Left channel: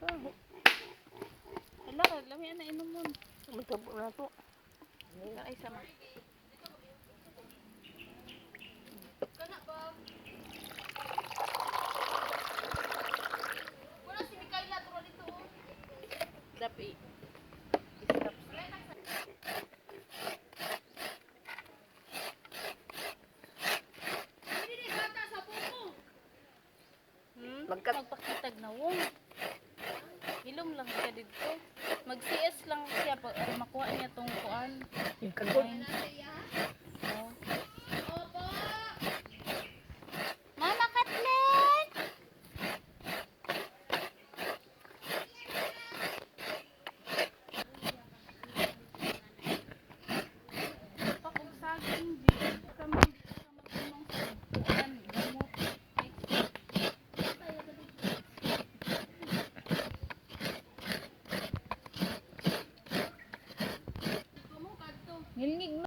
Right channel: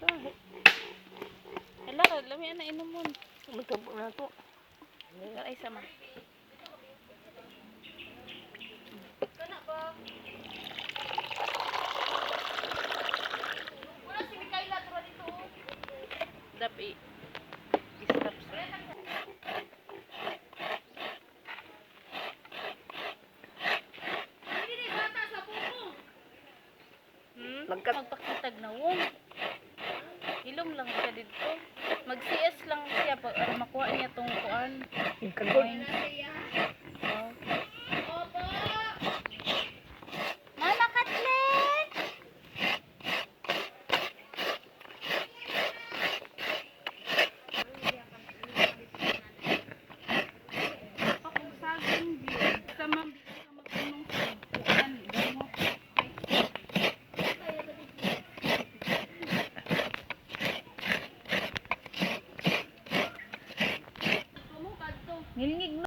Gaho. Hala, lami na inom mo. Matabo na to. Ay, sama. Dapat i-stop Hmm? Magkat- Magpakitag na wong. Ilong lang siya dito. Mag-CS lang siya pag uh, makuha niya tong kuan. Yung kagod. Ngilngig